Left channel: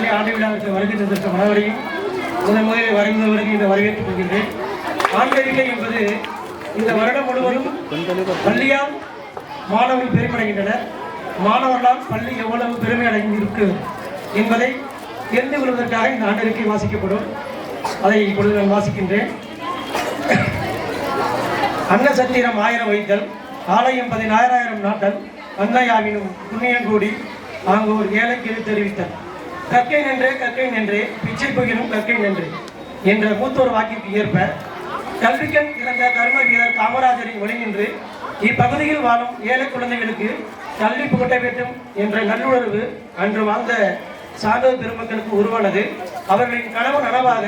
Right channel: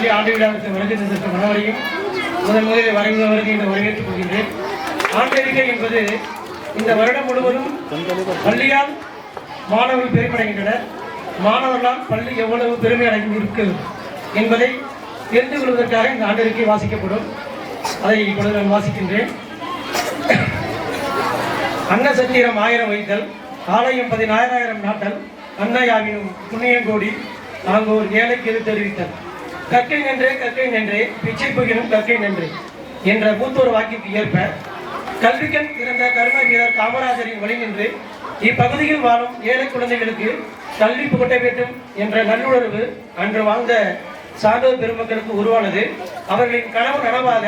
பள்ளி ஆண்டு விழாவுக்கு வருகை தந்திருக்கும் அனைவரையும் முதன் முதலில் வரவேற்பவர்கள் இந்த வரவேற்றுக் கொள்கின்றேன். ஆண்டறிக்கை என்பது இந்த வருடம் முழுவதும் பள்ளியால் மாணவர்கள் பெருமடைகின்றனர். மாணவர்களால் பள்ளி எவ்வளவு பெருமை அடைந்திருக்கு என்பதை தெரிந்து கொள்வதற்காக இந்த ஆண்டறிக்கை வாசிக்கப்படும். அதை இப்பொழுது நான் வாசிக்கின்றேன். அன்னசத்திரம் ஆயிரம் வைத்தல் ஆலயம் பதினாயிரம் நாட்டல் அன்னையாவின் புண்ணியம் கூடி ஒரு ஏழைக்கு தெரிவித்தல் கற்கை நின்றே கற்கை நின்றே பிச்சை பகிரும் கற்கை நின்றே என்ற மூத்தோர் வாக்கிற்கு ஏற்ப கல்விக்கண் பிறந்த கருண வீரர் காமராஜரின் வழி நின்று இப்பகுதியில் வாழும் ஏழை குழந்தைகளுக்கு கல்வி புகட்ட வேண்டும் என்ற நல்லுணர்வு அன்று வாழ்ந்த சான்றோர் பெருமக்களுக்கு உருவானது. அவர்களின் கனவு நனவாக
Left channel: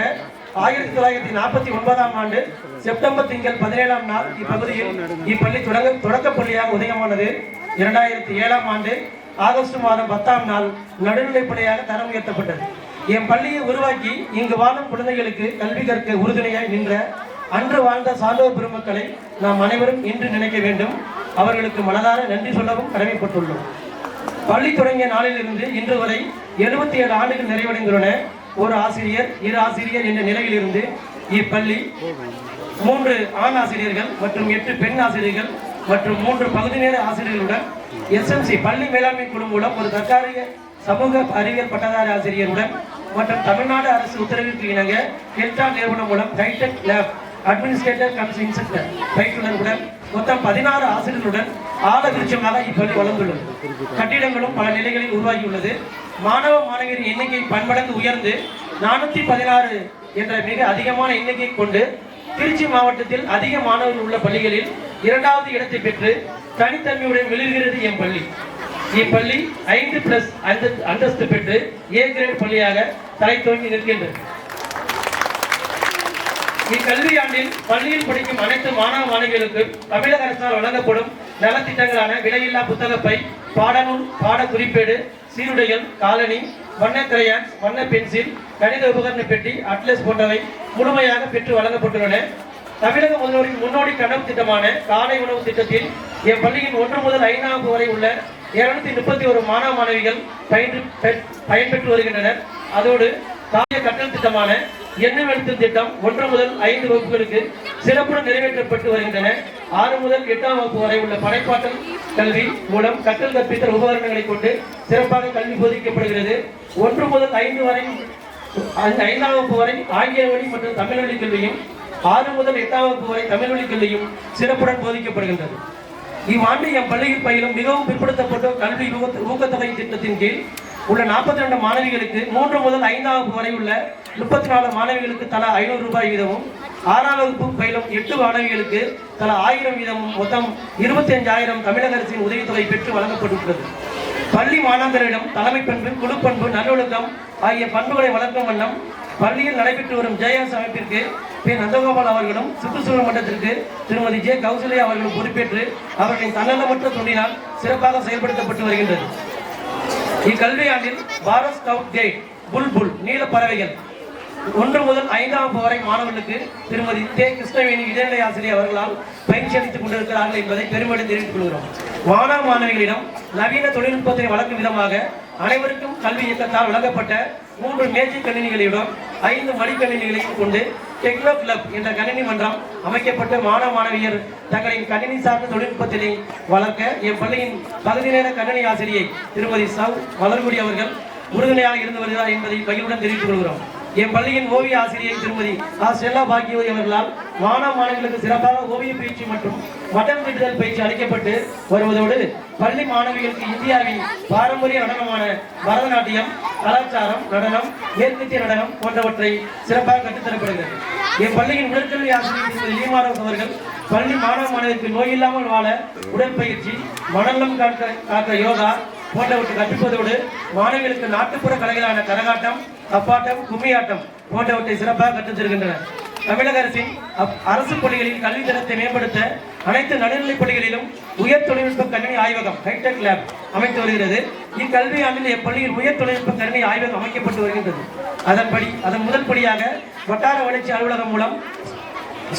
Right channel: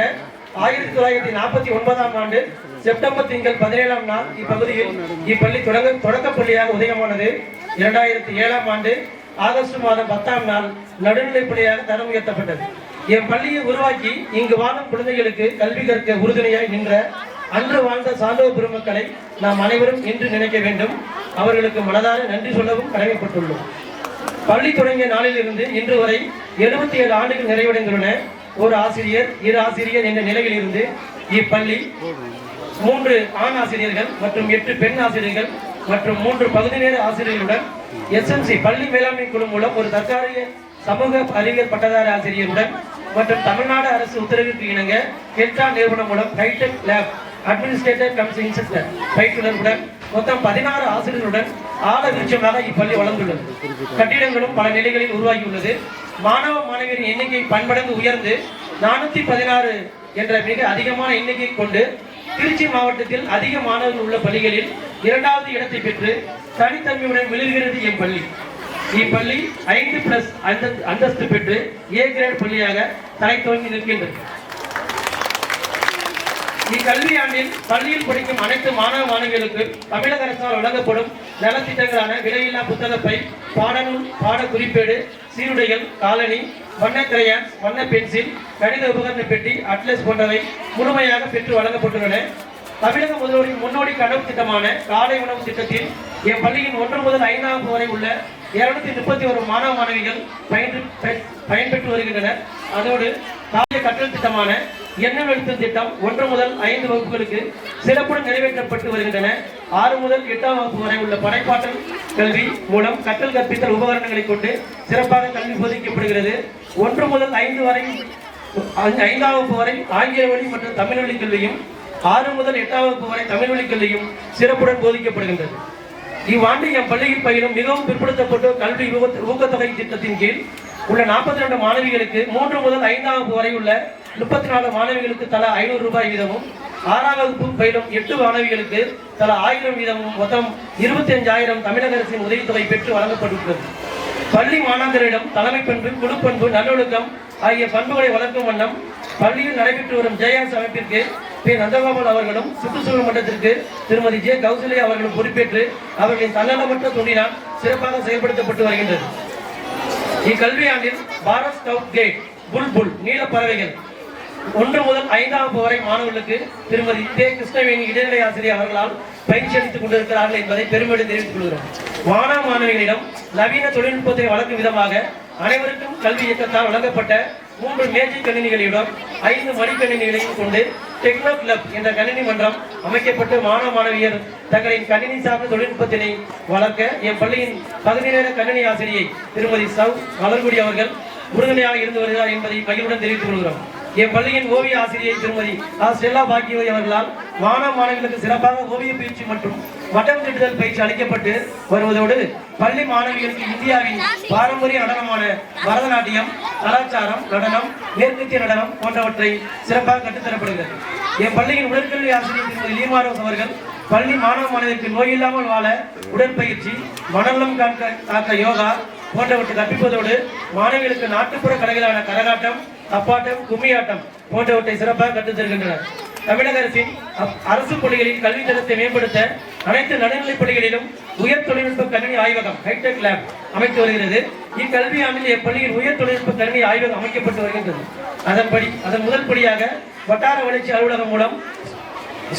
ஆயிரத்தி தொள்ளாயிரத்தி நாற்பத்தி ஒன்பதாம் ஆண்டு செப்டம்பர் திங்கள் பதினேழாம் நாள் இப்பகுதியில் இப்பள்ளி தொடங்க தொடக்க பள்ளியாக உதயமானது. இரண்டாயிரத்தி ஏழாம் ஆண்டு ஆகஸ்ட் மாதம் பத்தாம் நாள் நடுநிலைப்படையாக பள்ளியாக தரம் உயர்த்தப்பட்டது. என் பள்ளியை உருவாக்கி இங்கு வாழும் குழந்தைகளுக்கு கல்வி கற்க உறுதுணையாய் நின்ற அன்று வாழ்ந்த சான்றோர் பெருமக்களை நாம் அனைவரும் இன்று நினைக்க வேண்டும். அவர்களுக்கு மனதார நன்றி சொல்லவும் கடமைப்பட்டுள்ளோம். பள்ளி தொடங்கிய நாளிலிருந்து இன்று வரை எழுபத்தி ஏழு ஆண்டுகள் நிறைவடைந்துள்ளன. ஒரு ஆசிரியர் இரு ஆசிரியர் என்ற நிலையில் இருந்து இப்பள்ளி மூன்று ஆண் ஆசிரியர்கள் மற்றும் எட்டு பெண் ஆசிரியர்கள் மற்றும் மூன்று பகுதி நேர ஆசிரியர்களுடன் எஸ்எம்சி பள்ளி மேலாண்மை குழு மூலம் ஒரு தற்காலிக சமூக அறிவியல் பட்டதாரி ஆசிரியருடன் மற்றும் தமிழ்நாடு அரசு உத்தரவுக்கு இணங்க கெல்டா நிறுவனம் மூலம் hi tech lab administrator cum instructor பயிற்றுனருடன் மொத்தம் பதினாறு ஆசிரியர்களுடன் ஆல விருட்சமாக இப்பள்ளி வளர்ந்துள்ளது. கட்டிடங்களும் பல நிலைகளில் உருவாகியுள்ளது. மாணவ மாணவியரின் எண்ணிக்கை பன்மடங்கு உயர்ந்து நானூத்தி பதினாறு என்ற மிக அதிகமான எண்ணிக்கை கொண்டு திருச்சி மாவட்டத்தில் அதிக மாணவர்கள் உள்ள பள்ளிகளில் இரண்டாவது இடத்தை பெற்று தனித்தன்மையுடன் விழுகிறது என் பள்ளி. இப்பள்ளி ஐந்து பிளஸ் அந்தஸ்து பெற்று ஏ கிரேட் பள்ளியாக தலை துவங்கி நிற்கின்றது. இக்கல்வியாண்டில் பள்ளியில் படிக்கும் அனைத்து மாணவ மாணவிகளுக்கும் தமிழக அரசால் வழங்கப்படும் நலத்திட்டங்களான விலையில்லா புத்தகப்பை பாடநூல் பாட குறிப்பேடு சீருடைகள் காலனி வண்ண கிரையான் வண்ண பென்சில் கணித உபகரண பெட்டி அட்லஸ் போன்றவை முழுமையாக பெற்று வழங்கப்பட்டுள்ளன. தமிழக முதல்வரின் முன்னோடி கனவு திட்டமான காலை உணவு திட்டத்தில் என் பள்ளியின் ஒன்று முதல் ஐந்தாம் வகுப்பு வரை உள்ள இருநூத்தி முப்பத்தி ஒரு மாணவ மாணவிகள் பயின்று பயன்பெற்று வருகின்றனர். அதோடு காவிய கற்றல் திட்டமான எண்ணம் எழுத்தும் திட்டம் ஒன்று முதல் ஐந்து வகுப்புகளுக்கு சிறப்புடன் நிறைவேற்றப்பட்டு வருகின்றன. ஆறு முதல் எட்டாம் வகுப்பு வரை உள்ள படைப்பாற்றல் கல்வி மூலம் கற்றல் கற்பித்தல் உபகரணங்களை கொண்டு சிறப்பாக கல்வி போதிக்கப்படுகிறது. ஒன்று முதல் ஐந்து வரை ஐந்தாம் வகுப்பு வரை ஆங்கில வழி மற்றும் தமிழ் வழி கல்வியும் ஆறு முதல் எட்டாம் வகுப்பு வரை தமிழ் வழி கல்வியும் சிறப்புடன் போதிக்கப்படுகின்றது. இவ்வாண்டு என் பள்ளியில் பயிலும் மிகவும் பிற்படுத்தப்பட்ட கல்வி ஊக்கத்தொகை திட்டத்தின் கீழ் உள்ள நாற்பத்தி ரெண்டு மாணவிகளுக்கு மூன்று முதல் ஐந்தாம் வகுப்பு வரை உள்ள முப்பத்தி நாலு மாணவிகளுக்கு தலா ஐநூறு ரூபாய் வீதமும் ஆறாம் வகுப்பு பயிலும் எட்டு மாணவிகளுக்கு தலா ஆயிரம் வீதமும் மொத்தம் இருபத்தி அஞ்சாயிரம் தமிழக அரசின் உதவித்தொகை பெற்று வழங்கப்பட்டுள்ளது பள்ளி மாணாக்கரிடம் தலைமை பண்பு குழுப்பண்பு நல்லொழுக்கம் ஆகிய பண்புகளை வளர்க்கும் வண்ணம் பள்ளியில் நடைபெற்று வரும் ஜெயஎஸ் அமைப்பிற்கு பி. நந்தகோபால் அவர்களும் சுற்றுச்சூழல் மன்றத்திற்கு திருமதி ஜே. கௌசல்யா அவர்களும் பொறுப்பேற்று அவர்களின் தன்னலமற்ற தொழிலால் சிறப்பாக செயல்படுத்தப்பட்டு வருகின்றது. இக்கல்வியாண்டில் பாரத் ஸ்கவுட் கைட் புல்புல் நீல பறவைகள் ஒன்று முதல் ஐந்தாம் வகுப்பு வரை மாணவர்களுக்கு திருமதி தே கிருஷ்ணவேணி இடைநிலை ஆசிரியர் அவர்களால் பயிற்சி அளித்துக் கொண்டிருக்கிறார்கள் என்பதை பெருமையுடன் தெரிவித்துக் கொள்கிறோம். மாணவ மாணவிகளிடம் நவீன தொழில்நுட்பத்தை வளர்க்கும் விதமாக அனைவருக்கும் கல்வி இயக்கத்தால் வழங்கப்பட்ட மூன்று மேஜிக் கணினிகளுடன் ஐந்து மடிக்கணினிகளையும் கொண்டு டெக்னோ கிளப் என்ற கணினி மன்றம் அமைக்கப்பட்டு மாணவ மாணவியர் தங்களின் கணினி சார்ந்த தொழில்நுட்பத்தினை வளர்க்க என் பள்ளியின் பகுதி நேர கணினி ஆசிரியை திருமதி சவ் மலர்குடி அவர்கள் உறுதுணையாக இருந்து வருகிறார் என்பதை மகிழ்வுடன் தெரிவித்துக் கொள்கிறோம். என் பள்ளியின் ஓவிய ஆசிரியை திருமதி ஆ. பாக்கியவதி அவர்களால் மாணவ மாணவிகளுக்கு சிறப்பாக ஓவிய பயிற்சி மற்றும் வட்டம் தீட்டுதல் பயிற்சி அளிக்கப்பட்டு வருவதோடு பள்ளி மாணவிகளுக்கு இந்தியாவின் பாரம்பரிய நடனமான பரதநாட்டியம் கலாச்சாரம் நடனம் மேற்கத்திய நடனம் போன்றவற்றை சிறப்பாக கற்றுத்தரப்படுகிறது. என் பள்ளியின் உடற்கல்வி ஆசிரியர் திருமதி லீமாரோஸ் அவர்கள் பள்ளி மாணவ மாணவிற்கு நோய் இல்லாமல் வாழ உடற்பயிற்சி மணலம் காக்க காக்க யோகா போன்றவற்றை கற்பிப்பதோடு மாணவிகளுக்கு நாட்டுப்புற கலைகளான கரகாட்டம் தப்பாட்டம் கும்மியாட்டம் போன்றவற்றை சிறப்பாக கற்றுத் தருகின்றனர். தமிழக அரசின் அப்- அரசு பள்ளிகளின் கல்வி தரத்தை மேம்படுத்த அனைத்து நடுநிலைப் பள்ளிகளிலும் உயர் தொழில்நுட்ப கணினி ஆய்வகம் ஹைடெக் லேப் அமைத்து வருகிறது. இக்கல்வி ஆண்டில் எப்பள்ளியில் உயர் தொழில்நுட்ப கணினி ஆய்வகம் அமைக்கப்பட்டு வருகின்றது. அதன்படி அதன் முதல்படியாக வட்டார வளர்ச்சி அலுவலகம் மூலம்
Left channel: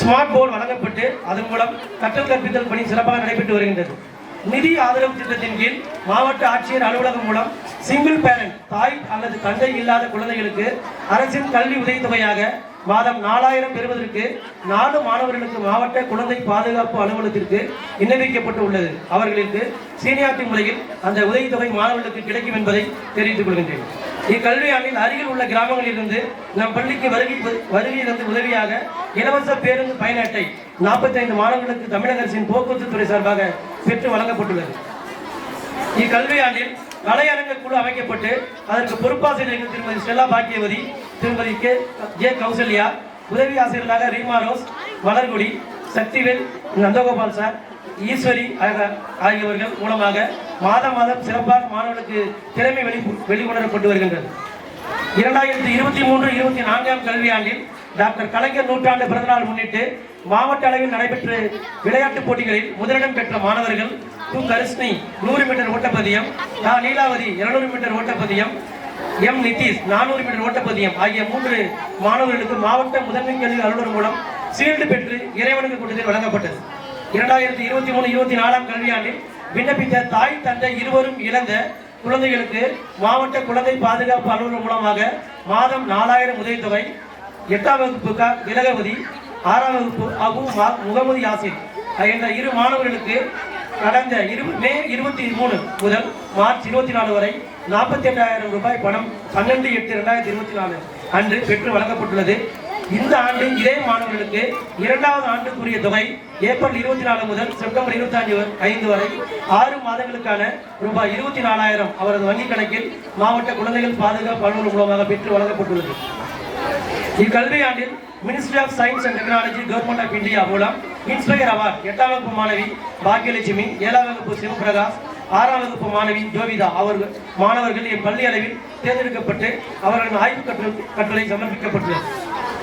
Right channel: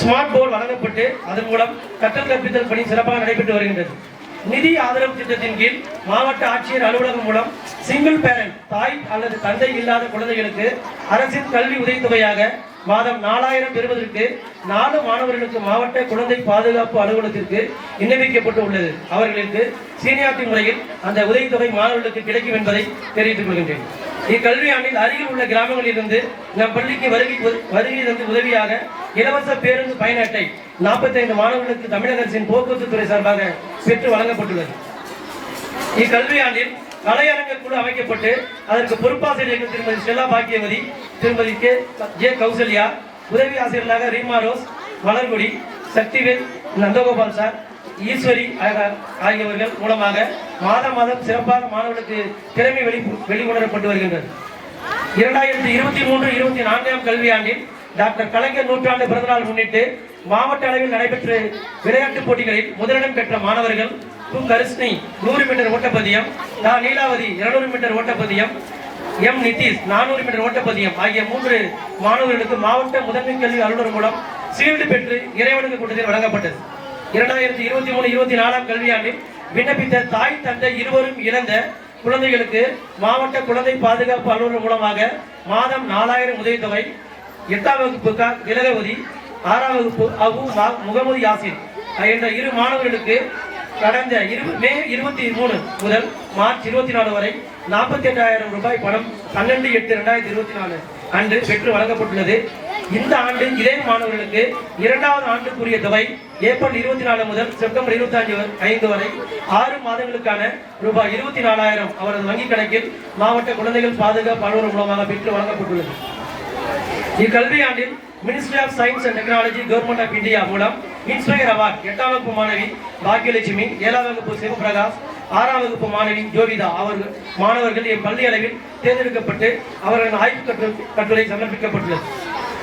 ஸ்மார்ட் போர்டு வழங்கப்பட்டு அதன் மூலம் கற்றல் கற்பித்தல் பணி சிறப்பாக நடைபெற்று வருகின்றது. நிதி ஆதரவு திட்டத்தின் கீழ் மாவட்ட ஆட்சியர் அலுவலகம் மூலம் சிங்கிள் பேரண்ட் தாய் அல்லது தந்தை இல்லாத குழந்தைகளுக்கு அரசின் கல்வி உதவித்தொகையாக மாதம் நாலாயிரம் பெறுவதற்கு நாலு மாணவர்களுக்கு மாவட்ட குழந்தை பாதுகாப்பு அலுவலகத்திற்கு விண்ணப்பிக்கப்பட்டு உள்ளது அவர்களுக்கு சீனியாரிட்டி முறையில் அந்த உதவித்தொகை மாணவர்களுக்கு கிடைக்கும் என்பதை தெரிவித்துக் கொள்கின்றேன். இக்கல்வியாண்டில் அருகில் உள்ள கிராமங்களிலிருந்து நம் பள்ளிக்கு வருகை வருகை தந்து உதவியாக இலவச பேருந்து பயண அட்டை நாற்பத்தைந்து மாணவர்களுக்கு தமிழக அரசின் போக்குவரத்து துறை சார்பாக பெற்று வழங்கப்பட்டுள்ளது. இக்கல்வியாண்டில் கலையரங்க குழு அமைக்கப்பட்டு அதற்கு பொறுப்பாசிரியர்கள் திருமதி ஸ்டெல்லா பாக்கியவதி திருமதி கே ஜே கௌசல்யா உதவி ஆசிரியர்களாக ரீமா ரோஸ் வளர்குடி சக்திவேல் நந்தகோபால் சார் ஈஸ்வரி ஆகியவர்கள் மூலமாக மாதம் மாதம் சிறப்பாக மாணவர்களுக்கு திறமை வெளி வெளிக்கொணரப்பட்டு வருகின்றது இரண்டாயிரத்தி இருபத்தி மூன்று இருபத்தி நான்காம் கல்வியாண்டில் டாக்டர் கலைஞர் நூற்றாண்டு பிறந்தநாள் முன்னிட்டு மாவட்ட அளவில் நடைபெற்ற விளையாட்டுப் போட்டிகளில் முதலிடம் பெற்ற மாணவர்கள் கு கரிஷ்ணி நூறு மீட்டர் ஓட்டப்பதியம் நா லீலாவதி இருநூறு மீட்டர் ஓட்டப்பதியம் எம். நிதிஷ் நானூறு மீட்டர் ஓட்டப்பதியம் ஆகிய மூன்று மாணவர்களுக்கு மாவட்ட முதன்மை கல்வி அலுவலர் மூலம் சீல்டு பெற்று இறைவனுக்கு கூட்டத்தில் வழங்கப்பட்டது. இரண்டாயிரத்தி இருபத்தி மூணு இருபத்தி நாலாம் கல்வியாண்டில் விண்ணப்பித்த தாய் தந்தை இருவரும் இழந்த குழந்தைகளுக்கு மாவட்ட குழந்தை பாதுகாப்பு அலுவலர் மூலமாக மாதம் நாலாயிரம் உதவித்தொகை எட்டாம் வகுப்பு க ஆறாம் வகுப்பு அபு முகமது யாசின் என்ற இரு மாணவர்களுக்கு கடந்த இரு மே இருபத்தி மூணு முதல் மார்ச் இருபத்தி நாலு வரை நாற்பத்தி எட்டாயிரம் ரூபாய் பணம் பன்னெண்டு எட்டு ரெண்டாயிரத்தி இருபத்தி நாலு அன்று பெற்று வழங்கப்பட்டுள்ளது. இந்த ஆண்டு இதே மாணவர்களுக்கு இரண்டாவது ஆண்டுக்குரிய தொகை ஏப்ரல் இருபத்தி நாலு முதல் செப்டம்பர் இருபத்தி அஞ்சு ஐந்து வரை ஆறு மாதங்களுக்கான ரூபாய் இருபத்தி நாலாயிரம் அவரது வங்கிக் கணக்கில் மாவட்ட குழந்தைகள் பாதுகாப்பு அலுவலர் மூலமாக பெற்று வழங்கப்பட்டுள்ளது. இக்கல்வியாண்டில் ministry of science and technology government of India மூலம் இன்ஸ்பயர் அவார்ட் எட்டாம் வகுப்பு மாணவி பாக்கியலட்சுமி ஏழாம் வகுப்பு சிவபிரகாஷ் ஆறாம் வகுப்பு மாணவி ஜோவிதா அவர்கள் மாணவர்கள் என் பள்ளி அளவில் தேர்ந்தெடுக்கப்பட்டு அவர்களின் ஆய்வு கட்டு- கட்டுரை சமர்ப்பிக்கப்பட்டுள்ளது.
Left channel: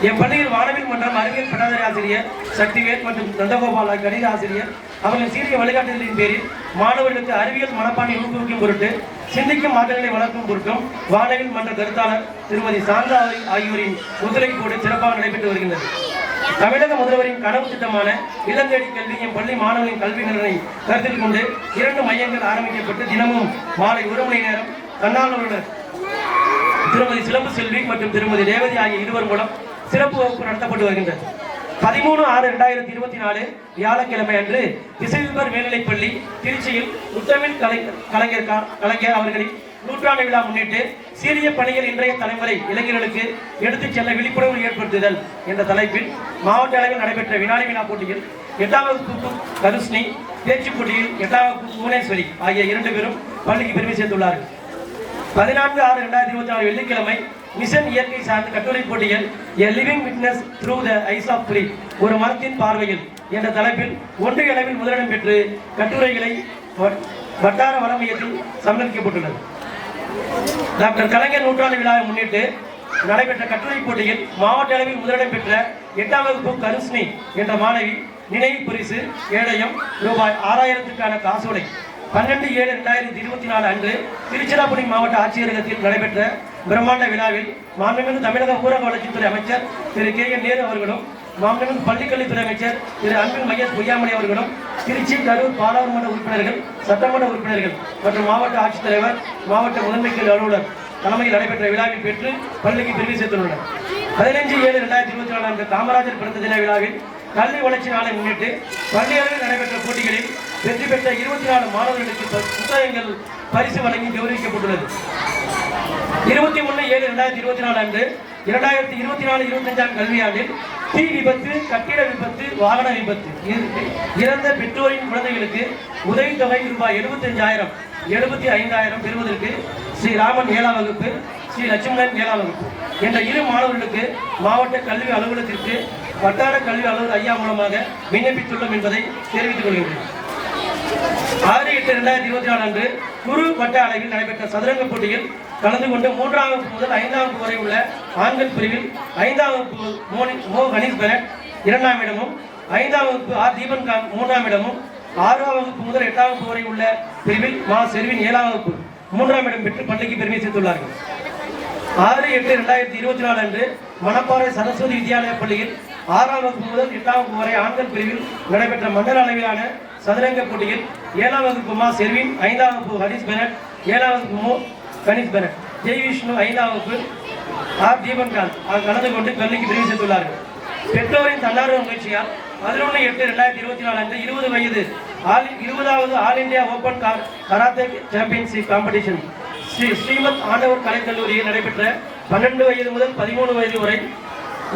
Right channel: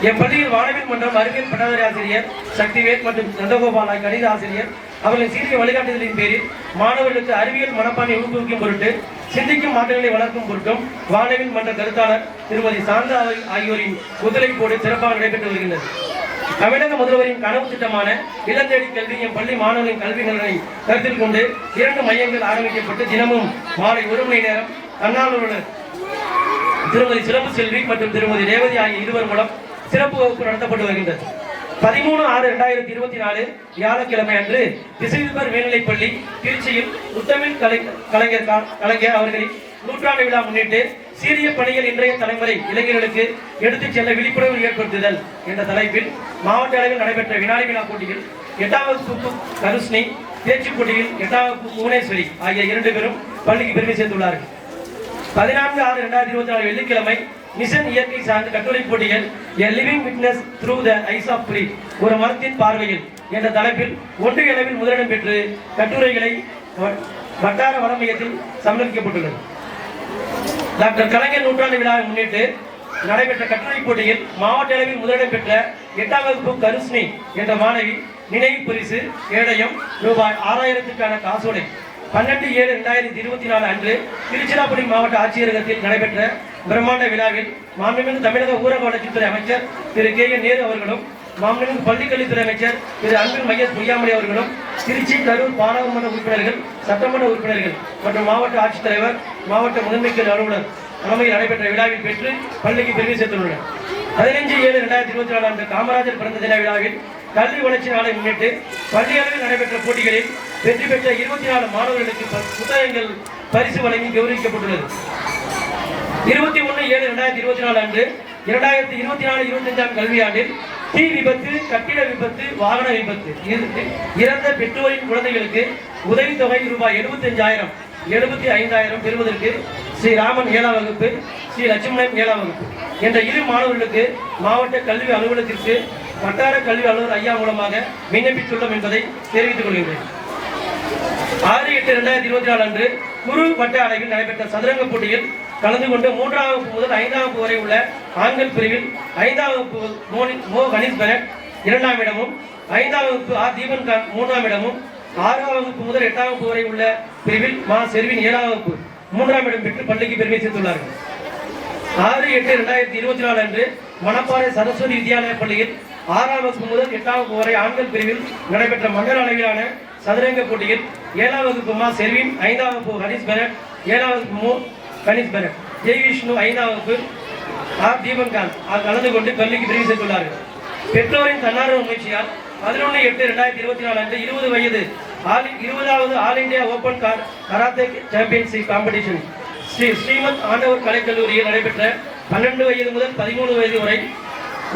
என் பள்ளியில் வானவில் மன்றம் அறிவியல் பட்டதாரி ஆசிரியர் சக்திவேல் மற்றும் நந்தகோபால் கணித ஆசிரியர் அவர்களின் சீரிய வழிகாட்டுதலின் பேரில் மாணவர்களுக்கு அறிவியல் மனப்பான்மை ஊக்குவிக்கும் பொருட்டு சிந்திக்கும் மக்களை வளர்க்கும் பொருட்டும் வானவில் மன்ற கருத்தாளர் திருமதி சாந்தா ஆகியோரின் குதிரை போடு சிறப்பாக நடைபெற்று வருகின்றது. தமிழக முதல்வரின் கனவு திட்டமான இளந்தேடி கல்வி பள்ளி மாணவரின் கல்வி நலனை கருத்தில் கொண்டு இரண்டு மையங்கள் ஆரம்பிக்கப்பட்டு தினமும் மாலை ஒரு மணி நேரம் தன்னார்வலர் திருமதி சிலம்பு செல்வி மற்றும் திருமதி ரேவதி ஆகிய இருவர் மூலம் சிறப்பு வகுப்பு நடத்தப்பட்டு வருகின்றது. பதிமூணு ஆறு இரண்டாயிரத்தி இருபத்தி நாலு வியாழக்கிழமை அன்று திசைதிபர் மேல்நிலைப்பள்ளி திருச்சியில் முத்தமிழ் கலை கலைஞர் கலைஞர் அவர்களின் நூற்றாண்டு விழா முன்னிட்டு சீரிய பணிகள் இன்றைய தலைமுறை இளைஞர்களுக்கு எடுத்துச் செல்ல விழிப்புணர்வு ஏற்படுத்துதல் என்ற தலைப்பில் மாவட்ட அளவில் நடைபெற்ற வினாடி விழா போட்டியில் எட்டாம் வகுப்பு கருஷ்ணி பேச்சு போட்டியில் எட்டாம் வகுப்பு புவனேஸ்வரி ஆகிய இரண்டு பேரும் பள்ளிக்கு பெருமை சேர்ந்துள்ளார்கள் பதினான்கு ஆறு ரெண்டாயிரத்தி இருபத்தி நாலு வெள்ளிக்கிழமை மிஷன் இயற்கை சார்ந்த கட்டுரை போட்டிகள் a living witness through the eyes of ஒரு மரத்தின் பார்வையில். என்ற தலைப்பில் ஒன்றிய அளவில் முதலிடம் பெற்று கட்டுரைகளை வ- வட்டார வளமையத்தில் சமர்ப்பிக்கப்பட்டுள்ளது. டாக்டர் கலைஞர் நூற்றாண்டு விழாவை முன்னிட்டு நடைபெற்ற கட்டுரை போட்டியில் மாவட்ட அளவில் முதலிடம் பெற்ற எட்டாம் வகுப்பு கருஷ்ணி என்ற மாணவி நினைவு பரிசு கேடயம் ரூபாய் ஆறாயிரத்துக்கான காசோலை பன்னெண்டு ஏழு ரெண்டாயிரத்தி இருபத்தி நாலு அன்று திருச்சிராப்பள்ளி மாவட்ட ஆட்சியரகத்தில் நடைபெற்ற பிரம்மாண்ட விழாவில் மாண்புமிகு தமிழக ஊரக வளர்ச்சித்துறை அமைச்சர் திரு கே என் நேரு அவர்களும் மாண்புமிகு பள்ளிக்கல்வித்துறை அமைச்சர் திரு அன்பில் மையஸ் பொய்யாமலை அவர்களும் திருச்சி கரூர் பாராளுமன்ற உறுப்பினர்கள் சட்டமன்ற உறுப்பினர்கள் மற்றும் மாவட்ட ஆட்சித்தலைவர் மாவட்ட முதன்மைச்சர் அலுவலர் தலைமையில் நடைபெற்ற விழாவில் பெற்று பள்ளிக்கு பெருமை சேர்த்துள்ளனர். பதினைஞ்சு ஏழு ரெண்டாயிரத்தி இருபத்தி நாலு அன்று காமராஜர் பிறந்த தின விழாவில் கல்வி வளர்ச்சி நாளை முன்னிட்டு பள்ளி அளவில் நடைபெற்ற போட்டிகளில் வெற்றி பெற்ற இருபத்தி நாலு மாணவர்களுக்கு புத்தகங்கள் பரிசு வழங்கி கௌரவிக்கப்பட்டுள்ளது. இருபத்தி ஒன்று ஏழு ரெண்டாயிரத்தி இருபத்தி நாலு அன்று இரண்டாயிரத்தி இருபத்தி நாலு இருபத்தஞ்சாம் கல்வியாண்டில் தீ விபத்து கட்டிட விபத்து வாகன விபத்து. இறந்த பெற்றோரின் குழந்தைகளுக்கு உதவித்தொகை ரூபாய் எழுபத்தஞ்சாயிரம் எழுபத்தி ஐந்தாயிரம் பெறுவதற்கு ஸ்ரீ ராமன் ஏழாம் வகுப்பு ஸ்ரீ லட்சுமணன் ஏழாம் வகுப்பு. என்ற இரு மாணவர்களுக்கு மாவட்ட கல்வி அலுவலகத்திற்கு வட்டார கல்வி அலுவலர் ஐயா மூலமாக விண்ணப்பித்துள்ளோம் என்பதை தெரிவித்துக் கொள்கின்றேன். ஆறு எட்டு ரெண்டாயிரத்தி இருபத்தி நாலு அன்று குரு வட்ட அளவில் நடைபெற்ற சதுரங்க போட்டியில் கலந்து கொண்டு மூன்றாம் வகுப்பு முதல் ஐந்தாம் வகுப்பு வரை உள்ள ஆண்கள் பிரிவில் ஐந்தாம் வகுப்பு மோனி- மோ கணேஷ் பரத் இரண்டாம் இடமும் ஐந்தாம் வகுப்பு ஆர் தீபன் காந்த் மூன்றாம் இடமும் ஆறாம் வகுப்பு முதல் எட்டாம் வகுப்பு வரை உள்ள பிரிவில் மா செல்வின் ஏழாம் வகுப்பு மூன்றாம் இடம் பெற்று பள்ளிக்கு பெருமை சேர்த்துள்ளார்கள். ஆறு எட்டு ரெண்டாயிரத்தி இருபத்தி நாலு அன்று மணப்பாறை சரஸ்வதி வித்யாலய பள்ளியில் ஆறாம் வகுப்பு முதல் எட்டாம் வகுப்பு வரை ஆண்கள் பிரிவில் நடைபெற்ற மண்டல அளவிலான சதுரங்க போட்டியில் ஏழாம் வகுப்பு மா செர்வின் ஐந்தாம் வகுப்பு ஹரிஷ் பெரட் ஏழாம் வகுப்பு மோ. கனிஷ் ஜெய் விஷ்ணு ஐந்தாம் வகுப்பு ஆர். தீபன்காந்த். கலந்து கொண்டு கல்விக்கு பிரிவு செய்துள்ளார்கள் பெற்றோரின் தன்னார்வ முயற்சியால் பதினொன்று எட்டு ரெண்டாயிரத்தி இருபத்தி நாலு அன்று இருபது வயது ஆல் இருபதாவது all India open car karate championship competition. Sri Srimad Andavar கலைக்கல்லூரியில் நடைபெற்ற பன்னெண்டு வயது முதல் பதிமூணு வயது வரை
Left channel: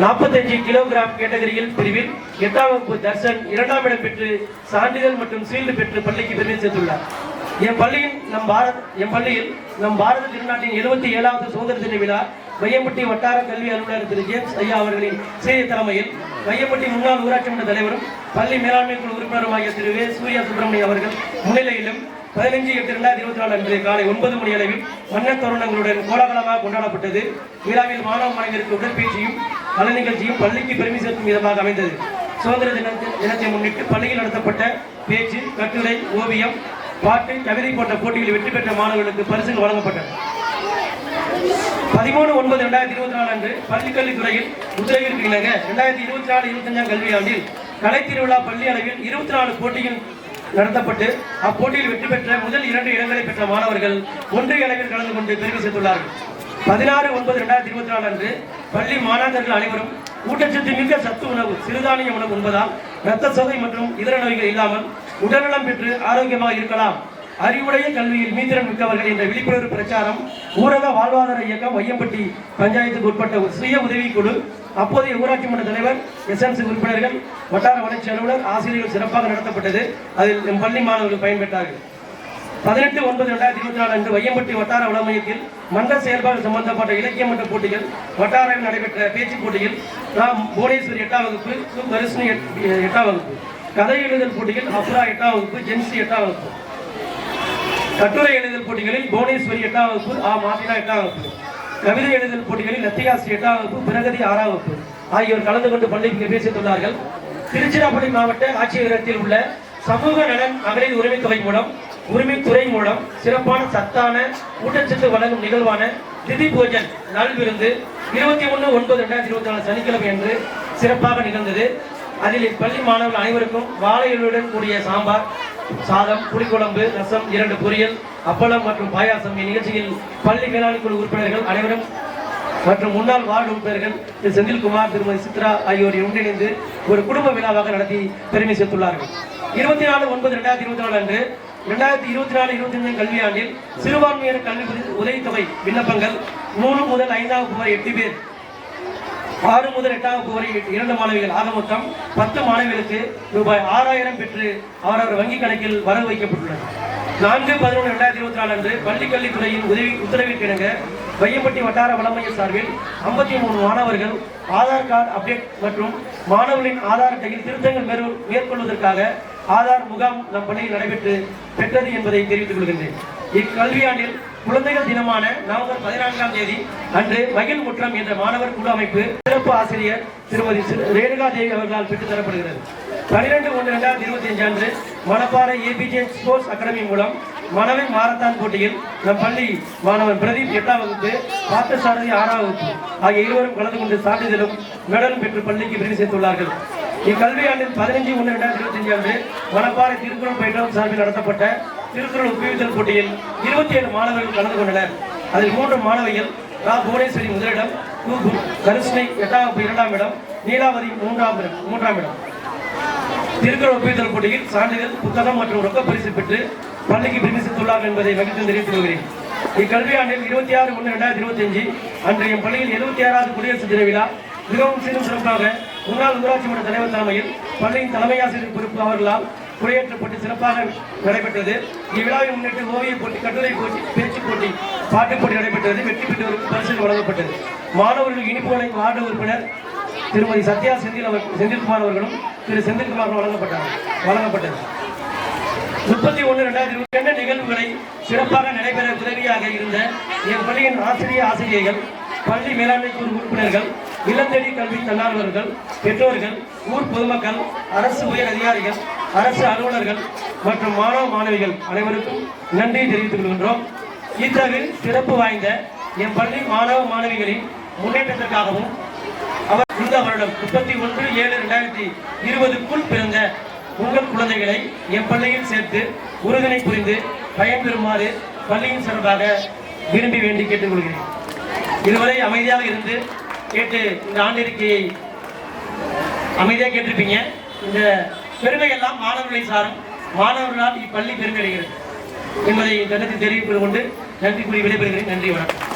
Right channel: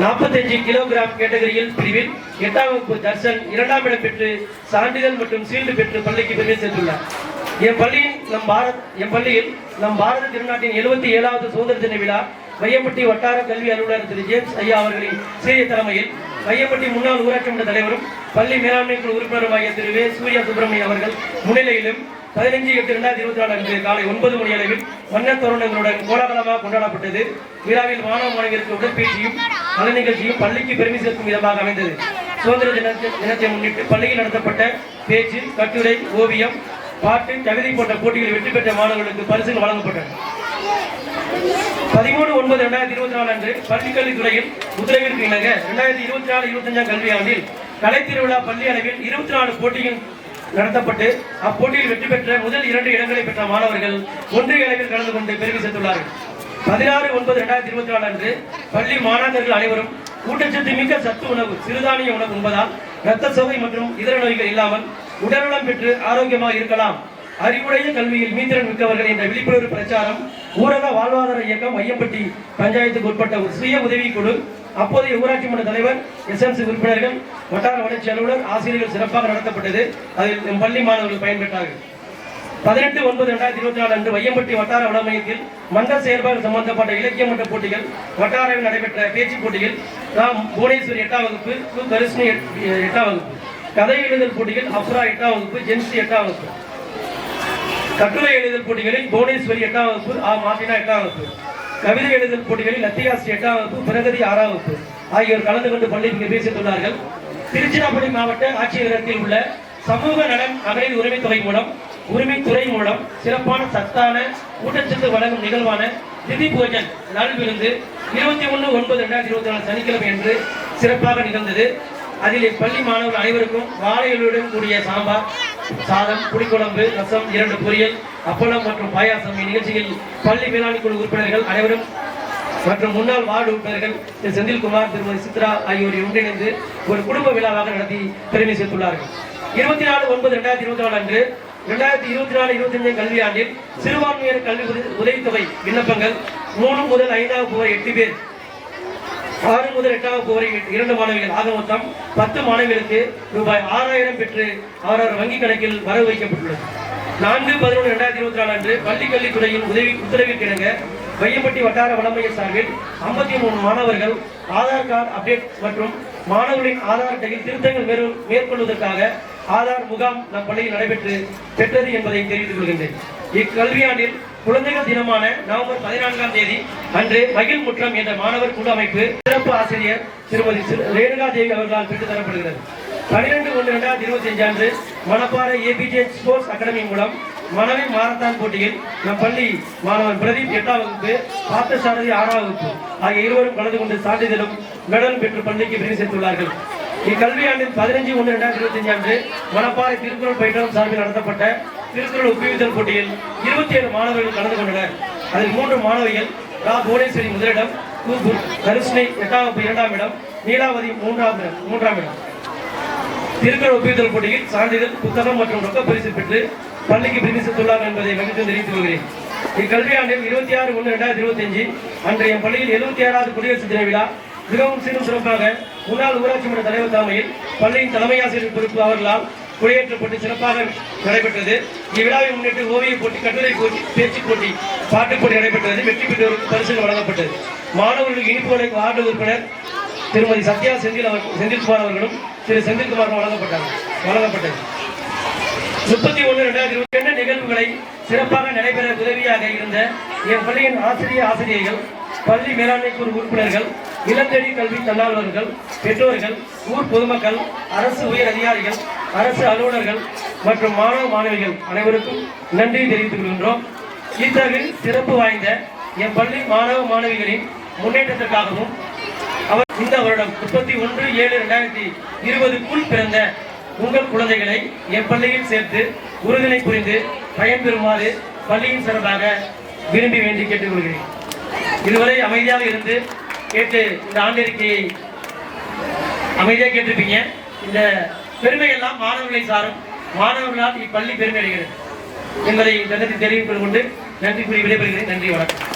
நாற்பத்தஞ்சு கிலோகிராம் கேட்டகரியில் பிரிவில் எட்டாம் வகுப்பு தர்ஷன் இரண்டாம் இடம் பெற்று சான்றிதழ் மற்றும் சீல்டு பெற்று பள்ளிக்கு பெருமை சேர்த்துள்ளார். என் பள்ளியில் நம் பாரத் என் பள்ளியில் நம் பாரத திருநாட்டின் எழுபத்தி ஏழாவது சுதந்திர தின விழா மையப்பட்டி வட்டார கல்வி அலுவலர் திரு ஜேம்ஸ் ஐயா அவர்களின் சிறிய தலைமையில் மையப்பட்டி முன்னாள் ஊராட்சி மன்ற தலைவரும் பள்ளி மேலாண்மை குழு உறுப்பினருமாகிய திரு வே. சூர்யா சுப்பிரமணியம் அவர்கள் முன்னிலையிலும் பதினைஞ்சு எட்டு இரண்டாயிரத்தி இருபத்தி நாலு அன்று காலை ஒன்பது மணி அளவில் வண்ண தோரணங்களுடன் கோலாகலமாக கொண்டாடப்பட்டது. விழாவில் மாணவ மாணவியருக்கு உடற்பயிற்சியும் கலை நிகழ்ச்சியும் பள்ளிக்கு பெருமை சேர்க்கும் விதமாக அமைந்தது. சுதந்திர தினத்தை தினத்தை முன்னிட்டு பள்ளியில் நடத்தப்பட்ட பேச்சு கட்டுரை ஓவியம் பாட்டு கவிதை போன்ற போட்டிகளில் வெற்றி பெற்ற மாணவர்களுக்கு பரிசுகள் வழங்கப்பட்டன. பதிமூணு ஒன்பது ரெண்டாயிரத்தி இருபத்தி நாலு அன்று பள்ளிக்கல்வித்துறையில் உத்தரவிற்கு இணங்க ரெண்டாயிரத்தி இருபத்தி நாலு இருபத்தஞ்சாம் கல்வியாண்டில் கலைத்திருவிழா பள்ளி அளவில் இருபத்தி நாலு போட்டிகள் நடத்தப்பட்டு அப்போட்டியில் வெற்றி பெற்ற முதல் இரண்டு இடங்களை பெற்ற மாணவர்கள் ஒன்றிய அளவில் கலந்து கொண்டு பெருமை சேர்த்துள்ளார்கள். பதினாறு ஒன்பது ரெண்டாயிரத்தி இருபத்தி நாலு அன்று பள்ளி மாணாக்கர்கள் அனைவரும் ஊட்டச்சத்து மிக்க சத்து உணவு சிறுதானிய உணவு உண்பதால் இரத்த சோகை மற்றும் இதர நோய்கள் இல்லாமல் உடல்நலம் பெற்று ஆரோக்கியமாக இருக்கலாம். அறிவுடைய கல்வியில் மீந்திரன் மிக்கவர்கள் என்ற விழிப்புணர்வு பிரச்சாரம் ஊரக வாழ்வாதார இயக்கம் ஐயம்பட்டி பஞ்சாயத்துக்கு உட்பட்ட ஒரு சுய உதவி குழு அப்போதைய ஊராட்சி மன்ற தலைவர் எஸ்எம்சி உறுப்பினர்கள் வட்டார வளர்ச்சி அலுவலர் ஆசிரியர்கள் சிறப்பாக நடத்தப்பட்டது. அதில் பள்ளி மாணவர்கள் பயன்பெற்றார்கள். பதினெட்டு ஒன்பது ரெண்டாயிரத்தி இருபத்தி நாலு அன்று வையம்பட்டி வட்டார வள மையத்தில் மன்ற செயல்பாடு சம்பந்தப்பட்ட இலக்கிய மன்ற போட்டிகள் வட்டாரவில் நடைபெற்ற பேச்சு போட்டியில் ராம் புவனேஸ்வரி எட்டாம் வகுப்பு சு தரிசினி எட்- எட்டாம் வகுப்பு. கதை எழுதல் போட்டியில் அப்ரா எட்டாம் வகுப்பு ஜென்சி எட்டாம் வகுப்பு. கட்டுரை எழுதல் போட்டிகளில் புவனேஸ்வரி எட்டாம் வகுப்பு ஆ மாசினா எட்டாம் வகுப்பு. கவிதை எழுதல் போட்டிகளில் லத்தியாசி எட்டாம் வகுப்பு பிரகதி ஆறாம் வகுப்பு ஆகியோர் கலந்து கொண்டு பள்ளிக்கு பேசியுள்ளார்கள் திருச்சிராப்பள்ளி மாவட்ட ஆட்சியரகத்தில் உள்ள சமூக நலன் மகளிர் உரிமை தொகை மூலம் உரிமைத்துறை மூலம் சிறப்பான சத்தான ஊட்டச்சத்து வழங்கும் நிகழ்வான திதி போஜன் நல்விருந்து இருபத்தி ஒன்று ஒன்பது ரெண்டாயிரத்தி இருபத்தி நாலு சனிக்கிழமை என்று சிறப்பாக நிகழ்ந்தது. அதில் இப்பள்ளி மாணவர்கள் அனைவருக்கும் வாழைகளுடன் கூடிய சாம்பார் சாதம் புளிக்குழம்பு ரசம் இரண்டு பொரியல் அப்பளம் மற்றும் பாயாசம். இந்நிகழ்ச்சியில் பள்ளி மேலாண்மை குழு உறுப்பினர்கள் அனைவரும் மற்றும் முன்னாள் வார்டு உறுப்பினர்கள் திரு செந்தில்குமார் திருமதி சித்ரா ஆகியோர் ஒன்றிணைந்து ஒரு குடும்ப விழாவாக நடத்தி பெருமை சேர்த்துள்ளார்கள். இருபத்தி நாலு ஒன்பது ரெண்டாயிரத்தி இருபத்தி நாலு அன்று இரண்டாயிரத்தி இருபத்தி நாலு இருபத்தி அஞ்சு கல்வியாண்டில் சிறுபான்மையினர் கல்வி உதவி- உதவித்தொகை விண்ணப்பங்கள் மூணு முதல் ஐந்தாம் வகுப்பு எட்டு பேர் ஆறு முதல் எட்டாம் வகுப்பு வரை இரண்டு மாணவிகள் ஆக மொத்தம் பத்து மாணவிகளுக்கு ரூபாய் ஆறாயிரம் பெற்று அவரவர் வங்கி கணக்கில் வரவு வைக்கப்பட்டுள்ளது. நான்கு பதினொன்று ரெண்டாயிரத்தி இருபத்தி நாலு அன்று பள்ளிக்கல்வித்துறையின் உதவி உத்தரவிற்கிணங்க வையப்பட்டி வட்டார வளமைய சார்பில் ஐம்பத்தி மூணு மாணவர்கள் ஆதார் கார்டு அப்டேட் மற்றும் மாணவர்களின் ஆதார் அட்டையில் திருத்தங்கள் மேற்கொள்வதற்காக ஆதார் முகாம் நம் பள்ளியில் நடைபெற்று பெற்றது என்பதை தெரிவித்துக் கொள்கின்றேன். இக்கல்வியாண்டில் குழந்தைகள் தினமான நவம்பர் பதினான்காம் தேதி அன்று மகிழ் முற்றம் என்ற மாணவர் குழு அமைப்பு சிறப்பு ஆசிரியர் திருமதி ரேணுகா தேவி அவர்களால் பெற்றுத் தரப்படுகிறது. பனிரெண்டு ஒன்று இரண்டாயிரத்தி இருபத்தி அஞ்சு அன்று மணப்பாறை ஏபிஜே ஸ்போர்ட்ஸ் அகாடமி மூலம் மணவி மாரத்தான் போட்டியில் நம் பள்ளி மாணவன் பிரதீப் எட்டாம் வகுப்பு பார்த்தசாரதி ஆறாம் வகுப்பு ஆகிய இருவரும் கலந்து கொண்டு சான்றிதழும் மெடலும் பெற்று பள்ளிக்கு பிரிவு சேர்த்துள்ளார்கள். இக்கல்வியாண்டில் பதினஞ்சு ஒன்று ரெண்டாயிரத்தி இருபத்தி அஞ்சு அன்று மணப்பாறை திருக்குறள் பயிற்றம் சார்பில் நடத்தப்பட்ட திருக்குறள் ஒப்புவித்தல் போட்டியில் இருபத்தி ஏழு மாணவர்கள் கலந்து கொண்டனர். அதில் மூன்று மாணவிகள் ரா. புவனேஸ்வரி முதலிடம் கு. எட்டாம் இரண்டாம் இடம் நீலாவதி மூன்றாம் இடம் மூன்றாம் இடம். திருக்குறள் ஒப்புவித்தல் போட்டியில் சான்றிதழ் புத்தகம் மற்றும் ரொக்க பரிசு பெற்று பள்ளிக்கு பிரிமித்துள்ளார் என்பதை மகிழ்ச்சி தெரிவித்துக் கொள்கிறேன். இக்கல்வியாண்டில் இருபத்தி ஆறு ஒன்று ரெண்டாயிரத்தி இருபத்தி அஞ்சு அன்று என் பள்ளியில் எழுபத்தி ஆறாவது குடியரசு தின விழா. மிகவும் சீரும் சிறப்பாக முன்னாள் ஊராட்சி மன்ற தலைவர் தலைமையில் பள்ளியின் தலைமை ஆசிரியர் பொறுப்பு அவர்களால் குடியேற்றப்பட்டு சிறப்பாக நடைபெற்றது. இவ்விழாவை முன்னிட்டு ஓவிய போட்டி கட்டுரை போட்டி பேச்சு போட்டி பாட்டு போட்டி நடைபெற்றது. வெற்றி பெற்றோருக்கு பரிசுகள் வழங்கப்பட்டது. மாணவர்களுக்கு இனிப்புகளை வார்டு உறுப்பினர் திருமதி சத்யா செந்தில் அவர் செந்தில்குமார் அவர்களும் திரு செந்தில்குமார் வழங்கப்பட்டார் வழங்கப்பட்டது. முப்பத்தி ஒன்று ரெண்டாயிரத்தி இருபத்தி ரெண்டு நிகழ்வுகளை சிறப்பாக நடைபெற உதவியாக இருந்த என் பள்ளியின் ஆசிரிய ஆசிரியர்கள் பள்ளி மேலாண்மை குழு உறுப்பினர்கள் இளந்தேடி கல்வி தன்னார்வலர்கள் பெற்றோர்கள் ஊர் பொதுமக்கள் அரசு உயர் அதிகாரிகள் அரசு அலுவலர்கள் மற்றும் மாணவ மாணவிகள் அனைவருக்கும் நன்றி தெரிவித்துக் கொள்கின்றோம். இத்தகு சிறப்பு வாய்ந்த என் பள்ளி மாணவ மாணவிகளின் முன்னேற்றத்திற்காகவும் அவர் இந்த வருடம் முப்பத்தி ஒன்று ஏழு ரெண்டாயிரத்தி இருபதுக்குள் பிறந்த உங்கள் குழந்தைகளை என் பள்ளியில் சேர்த்து உறுதுணை புரிந்து பயன்பெறுமாறு பள்ளியின் சார்பாக விரும்பி வேண்டி கேட்டுக்கொள்கிறேன். இதுவரை அமைதியாக இருந்து கேட்டு இந்த ஆண்டறிக்கையை அமைதியாக கேட்டிருப்பீங்க. இந்த பெருமை எல்லாம் மாணவர்களை சாரும். மாணவர்களால் இப்பள்ளி பெருமை அடைகிறது. என்பதை இந்த தெரிவித்துக் கொண்டு நன்றி கூறி விடைபெறுகிறேன். நன்றி வணக்கம்.